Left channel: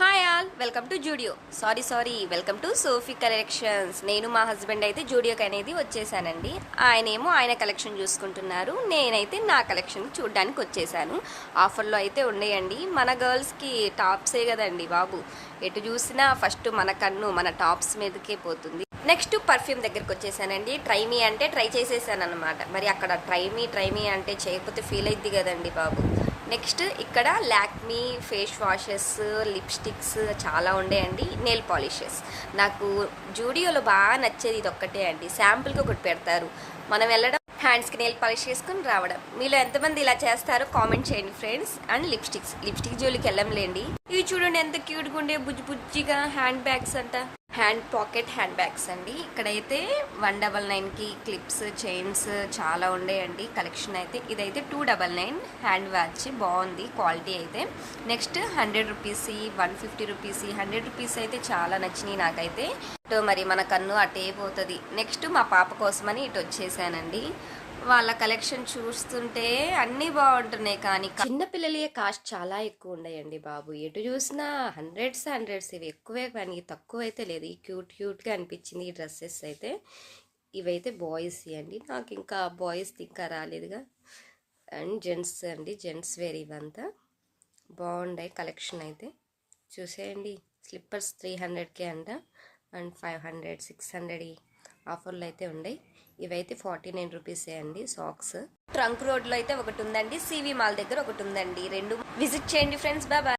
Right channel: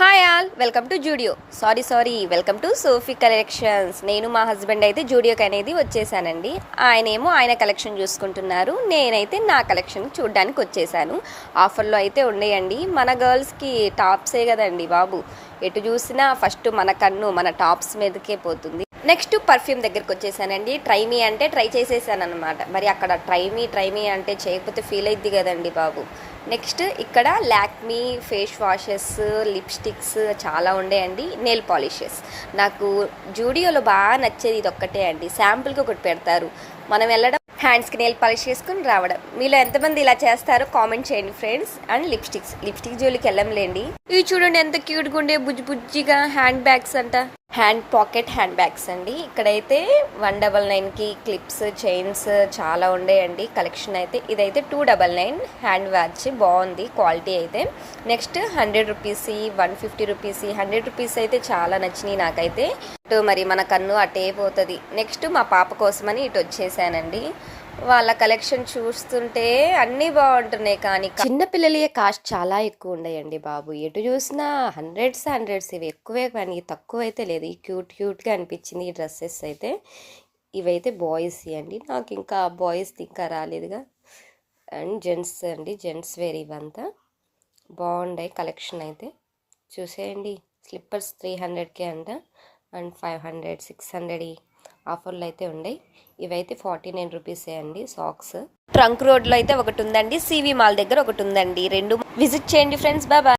Hi all, welcome to Zudio. Welcome to Sophie collections. నేను మా husband అయితే జూడియోకి అనేది వచ్చేసానండి. ఆయనేమో ఆయన కలెక్షన్ చూసుకుంటున్నారు, నేనైతే నా కలెక్షన్ చూడడానికి వచ్చేసాను. ఆఫర్లో అయితే ఉన్నాయండి. మన గర్ల్స్కి టాప్సే కదండి బాబు, ఎటు చూసినా ఫస్ట్ మన కన్ను మన టాప్స్ మీదకే పోతుంది. నెక్స్ట్ పర్ఫ్యూమ్ దగ్గరికి వచ్చేసానండి. ట్రై మీ అంటే ట్రై చేసేసాను అనమాట. మరి అక్కడ ట్రై మీ అంటే చేయకపోతే ఫీల్ అయిద్ది కదండి బాబు. నెక్స్ట్ ఇక్కడ లాక్మీ ఫేస్ వాషెస్, లిప్స్టిక్స్ చాలా ఉండేయండి. నెయిల్ పాలిషెస్ నాకు జూడియోలో బాగా నచ్చేది ఇది ఒక్కటే అండి. శాంపుల్కి ఒకటి పెడతారు, మనం వెళ్ళడం హ్యాండ్స్కి నెయిల్ పాలిష్ చేసుకుని రావడం. మీలో ఎంతమంది ఇలా చేస్తారో కామెంట్ చేయండి ఫ్రెండ్స్. అండ్ లిప్స్టిక్ జోలికి వెళ్ళంలేండి. ఇవి చూడండి ఎంత క్యూట్గా ఉండే బుజ్జిగా హ్యాండ్ బ్యాగ్స్ అంట, హ్యాండ్ పాకెట్ హ్యాండ్ బ్యాగ్స్ అండి. ఇక్కడైతే 199కి క్లిప్స్, చైన్స్ చాలా ఉండేయండి కలెక్షన్ అయితే. ఇదైతే 299 హ్యాండ్ వాచ్, బాగుంది క్వాలిటీ అయితే. నెక్స్ట్ 100 రూపీస్, 150 రూపీస్, 100 రూపీస్ అయితే చాలా నచ్చినాయి నాకైతే. మరి మన కన్ను అటే పోతుంది. నెక్స్ట్ మా పాప కోసమని ఇటు వచ్చేసానండి. వాళ్ళ కలెక్షన్ చూస్తుంటే అన్నీ బాగుంటున్నాయి, కానీ చిన్నపిల్లలే కాస్ట్ చాలా ఎక్కువ ఉన్నాయండి బాబు. ఎటు చూసినా హండ్రెడ్స్ ఇవి ఎక్కువే, కానీ తక్కువ అయితే లేదు. ఈ క్యూట్గా అనిపించింది ఈ డ్రెస్సెస్ అయితే. ఇవైతే బాయ్స్ అండి, నాకు ఇంకా బాయ్స్ ఇంకా రాలేదుగా. అండ్ జెంట్స్ అండి, జెంట్స్ వేర్ ఇవంతా బాగుంటాయి కలెక్షన్ అయితే. చూసేయండి, స్లిప్పర్స్ 300కే అంట. అండ్ 500, 600 ఆఫర్లు అయితే ఉన్నాయి. ఇవైతే 49 రూపీసే అండి సాక్స్. ట్రంక్ రోడ్లో అయితే ఒకటి ఉందండి, సివి మాల్ దగ్గర ఒకటి ఉందండి. రెండు విజిట్ చేయండి ఫ్రెండ్స్. బాయ్.